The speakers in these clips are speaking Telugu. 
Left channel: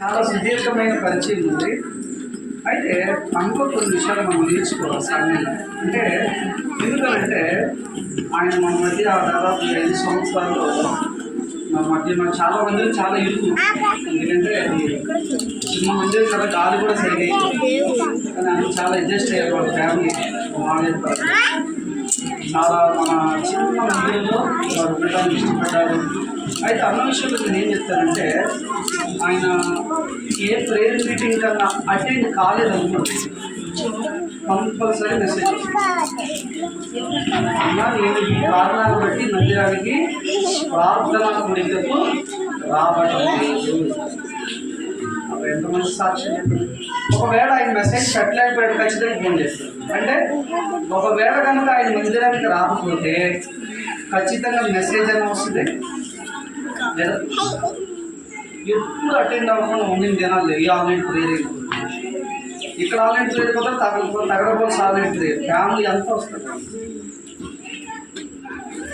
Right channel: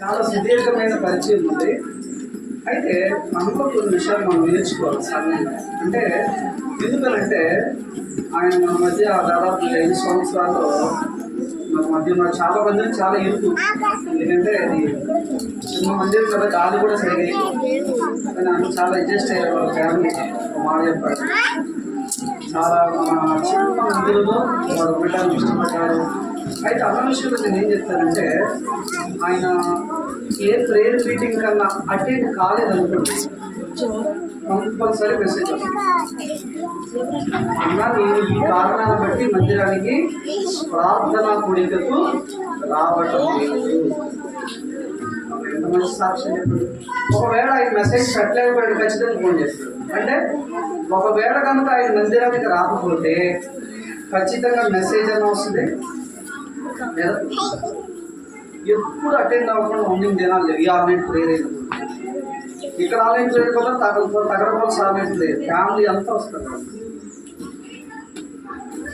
చాలా సుదీర్ఘమైన పరిచయం ఉంది. అయితే మనలో కొన్ని విషయాలు మనం నేర్చుకోవాలి సామాన్యంగా. అంటే ఎందుకంటే ఆయన మన మధ్య దాదాపు 5 సంవత్సరాల్లో మన మధ్య చాలా మంది చాలా ఇరుకు. ఎందుకంటే అది చిన్న మంది కదా, గాలి కూడా సరిగ్గా కానీ అందరూ చాలా అడ్జస్ట్ అయ్యారు వాళ్ళ ఫ్యామిలీ. మాట చెప్పారు, చాలా మన చిన్న మందిలో వారు ఉండడానికి ఇష్టపడ్డారు. అయితే అన్న విషయంలో నేను ఏం చెప్తానంటే, ఆయన ఏ ప్రేయర్ మీటింగ్ కన్నా అటెండ్ కాలేదనుకోండి, కంపల్సరీ మెసేజ్ వస్తుంది. అన్నా నేను ఈ కారణాలను బట్టి మందిరానికి ప్రార్థనా కూడికకు రావటం ఎంతమంది సాక్ష్యం చెప్పండి. ఒకవేళ ఆయన మెసేజ్ పెట్టలేకపోయాడు, ఖచ్చితంగా ఫోన్ చేస్తారు. అంటే ఒకవేళ కనుక ఆయన మందిరానికి రాకపోతే ఖచ్చితంగా మెసేజ్ అని వస్తుంది. ఎప్పుడు అటెండ్ అవ్వకుండా ఉండిన దినాలు లేవు. ఈ ఆన్లైన్ ప్రేయర్ ఇక్కడ ఆన్లైన్ ప్రేయర్ కదా, తగరపోతే ఆన్లైన్ ప్రేయర్ ఫ్యామిలీ అంతా వస్తుంది.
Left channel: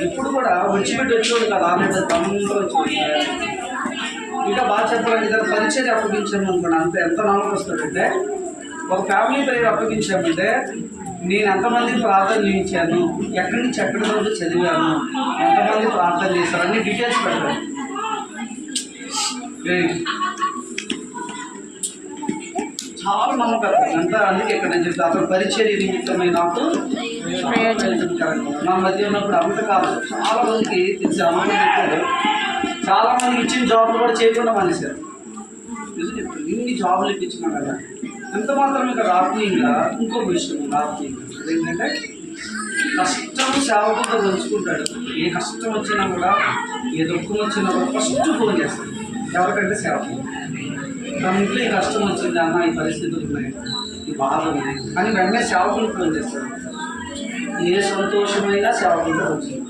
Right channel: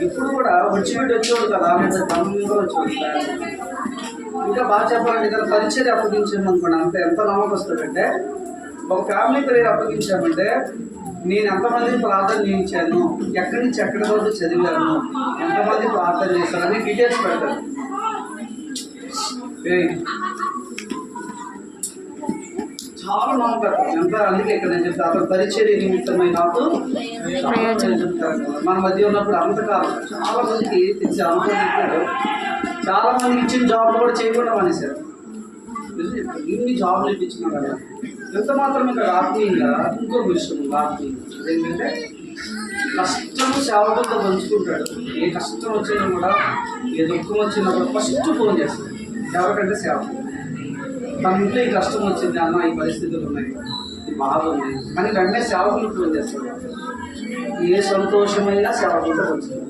ఇప్పుడు కూడా వచ్చేవాడు కదా ఆన్లైన్ తమ్ముడు వచ్చి ఇంకా బాగా చెప్పాలంటే ఇక్కడ పరిచయం అప్పగించాము అనుకోండి, అంత ఎంత నమ్మకం వస్తుందంటే, ఒక ఫ్యామిలీ ప్రేయర్ అప్పగించామంటే నేను ఎంతమందికి ప్రార్థన చేయించాను, ఎక్కడి నుంచి ఎక్కడి వరకు చదివాను, ఎంతమంది ప్రార్థన చేశారని డీటెయిల్స్ పెడతాను. చాలా నమ్మకం ఎంత. అందుకే ఇక్కడ నేను చెప్తాను, అతను పరిచర్య నిమిత్తమై నాకు మన మధ్య ఉన్నప్పుడు అంతకాలం చాలా మందికి తెలిసి అమ్మాయి చెప్పారు. చాలా మందికి ఇచ్చిన జాబ్లు కూడా చేయకుండా మానేశారు. ఇన్ని జాబులు ఇప్పించినా కదా, ఎంత మాత్రమే కదా ఆత్మీయంగా ఇంకొక విషయం ఉంది. ఆత్మీయంగా ఏంటంటే కష్టము సేవకులతో పంచుకుంటాడు. ఏ కష్టం వచ్చినా కూడా, ఏ దుఃఖం వచ్చినా కూడా ఫస్ట్ ఫోన్ చేస్తాడు. ఎవరికంటే సేవకులు. తన ఇంట్లో ఈ కష్టం వచ్చింది అన్న, ఈ పరిస్థితులు ఉన్నాయి, ఈ బాధ ఉంది అని వెంటనే సేవకులు ఫోన్ చేస్తాడు. ఏ సంతోషమైనా సేవకులతో వచ్చింది.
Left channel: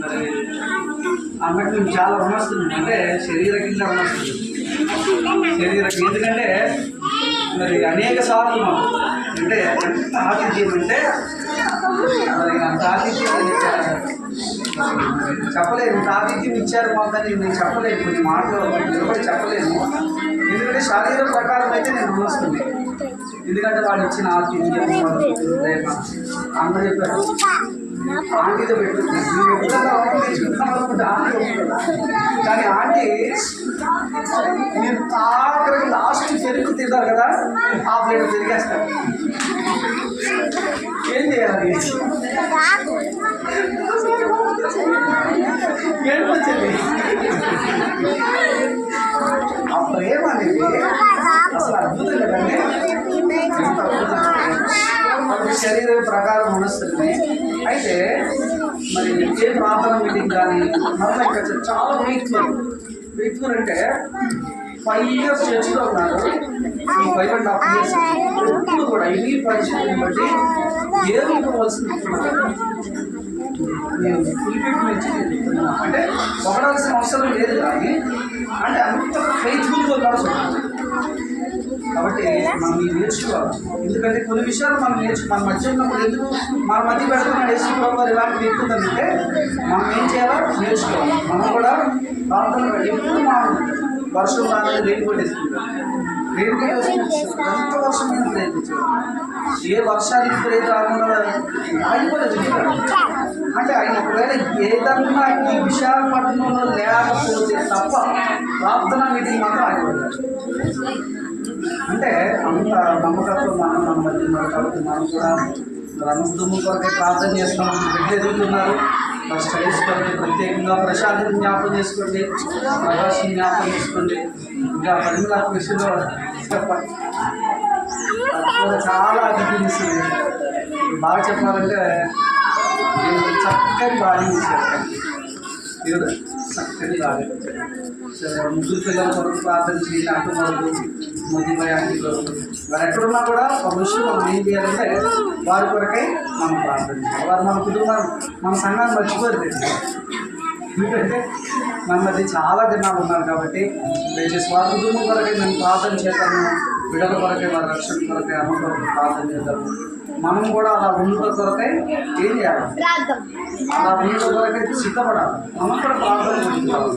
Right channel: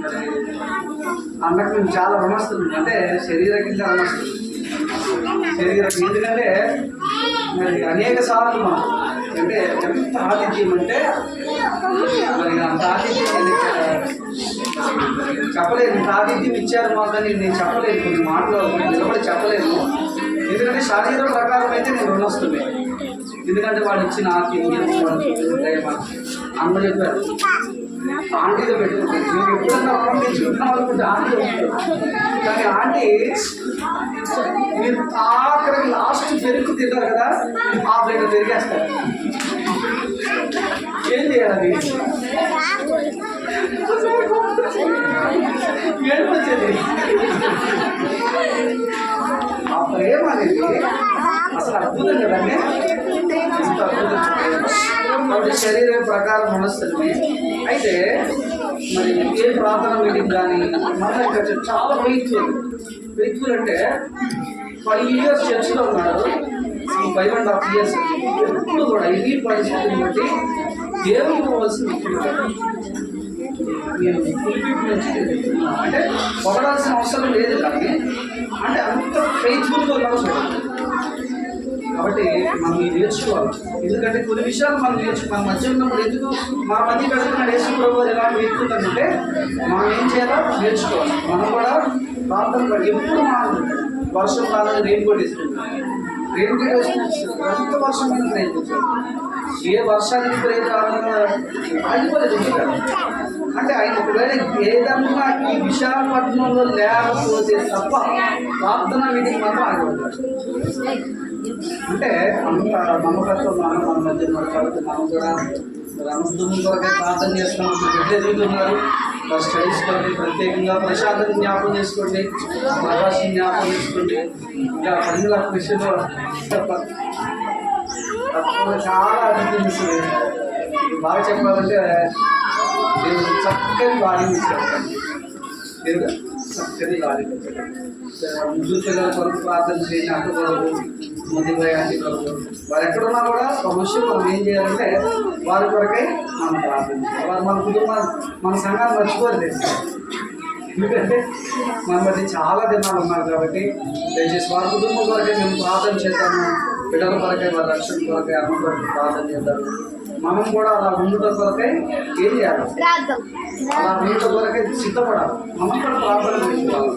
మరి అన్నకు మేము చాలా రుణస్తున్నాం. అంటే శరీర కింద రుణస్తున్నాం. శరీరకి ఎందుకంటే మరి అనేక సార్లు మనం అంటే ఎంత ఆతిథ్యం అంటే మరి అంత ఆతిథ్యం చెప్పలేను. ఇంత ఆతిథ్యం ఇచ్చారు మాకని నేను చెప్పలేను, కొన్ని మాటలు నిలబడి చెప్పలేను. ఎందుకంటే శరీరం ప్రకారం అయితే నేను రుణొస్తుంది. ఎందుకంటే వాళ్ళు ఇచ్చిన ఆతిథ్యం ప్రేమ అందరూ చెప్పారు. ఆంటీతో పెట్టుకుంటే ఆంటీ, కానీ ఆంటీ మీరు ఆఖరికి లాస్ట్ పెరుగు తింటారు కదా, ఆ ప్లేట్ తిరిగేస్తారు. ఏం చేయాలి? ఏడిపోచ్చేది. ఆ ప్రేమ అనేది అసలు అద్భుతం కదండి. ఎంత అద్భుతం. శరీర ప్రకారం మనస్తుంది. అయితే మరి ఏ ప్రార్థన మీటింగ్ కానీ మళ్ళీ ఇంకా చాలా వెయిట్ఫుల్ అంటే 5 years చర్చిలో ఉన్నారు. ఈ 5.5 years ఎప్పుడు కూడా ఇన్ని పరిస్థితులను బట్టి ఏరుకోవాల్సింది నేను ఫుల్ఫిల్ నుంచి అంటే పొగడాల్సిన అవసరం లేదు, కానీ అంటే అంత ఫెయిత్ఫుల్గా ఉన్నారు చూడాలి. కాబట్టి మనం ఇది నేర్చుకోవాలి. ఎందుకంటే కొన్ని విషయాలు మనం మన మధ్య ఉన్నప్పుడు ఎందుకు మన మధ్య పెడుతున్నాడు యేసుప్రభువు ఎలాంటి వ్యక్తుందంటే మనం ఏం చేయాలో నేర్చుకోవాలి. మనం కూడా ప్రార్థన ఎప్పుడు మనం వర్షం రాలేదు రెయిన్ కోట్ వేసుకుంటాం. రెయిన్ కోట్ వేసుకుంటాం ఎంత వర్షమైన ప్రయత్నించాలి. ఏ వర్షానికి ప్రేమ రాకుండా ఆగిపోలేదు. అంటే ఆయన ఒకవేళ ఏదన్నా ఈ విశాఖపట్నంలో లేకపోతే తప్ప ప్రార్థనా మీటింగ్ మాత్రం ఆగిపోతారు. అంటే అంత నమ్మకంతో మన మధ్య ఉన్నారు. కాబట్టి మనం కూడా రంగుదుమ్ము కొరకే ప్రార్థన చేస్తాం. బిడ్డలు ఎదుగుతున్నారు. వారి స్టడీస్ కొరకే ప్రత్యేకంగా ప్రశాంతని జ్ఞాపకం చేసుకోండి, ప్రవాసిని జ్ఞాపకం చేసుకోండి. ఇంకా 10 లక్షల విషయంలో చాలా అభివృద్ధి బాగా చెప్పాలంటే దేవుడు చక్కని గాలిని ఇచ్చాడు. దేవుడు చక్కని గాలిని ఇచ్చాడు. ముగ్గురు పిల్లల కొరకు ప్రార్థన చేయండి. అటు కొరకు మధ్యపోయే ఆంటీ కొరకు వారు ఎక్కడున్నా కూడా ఒక విషయం మనం ఏం చేయాలంటే వారి కొరకై మనం ప్రార్థన చేయాలి. వారు మన కుటుంబాన్ని మన సంఘాన్ని మర్చిపోలేదు. ఎందుకంటే మన మధ్య చాలా దినాలు ఉన్నారు. కాబట్టి దయచేసి వారి కుటుంబం కొరకే మేము ప్రార్థన చేద్దాము. బిడ్డల కొరకే, వారి రక్షణ కొరకే, అమ్మ కొరకే ప్రార్థన చేద్దాము. మనం కూడా అలా ఉండటం కొరకై ఏం చేయాలి? అలా ఉండటం కొరకై సిద్ధపడాలి. మనం కూడా ప్రార్థన చేసుకోవాలి.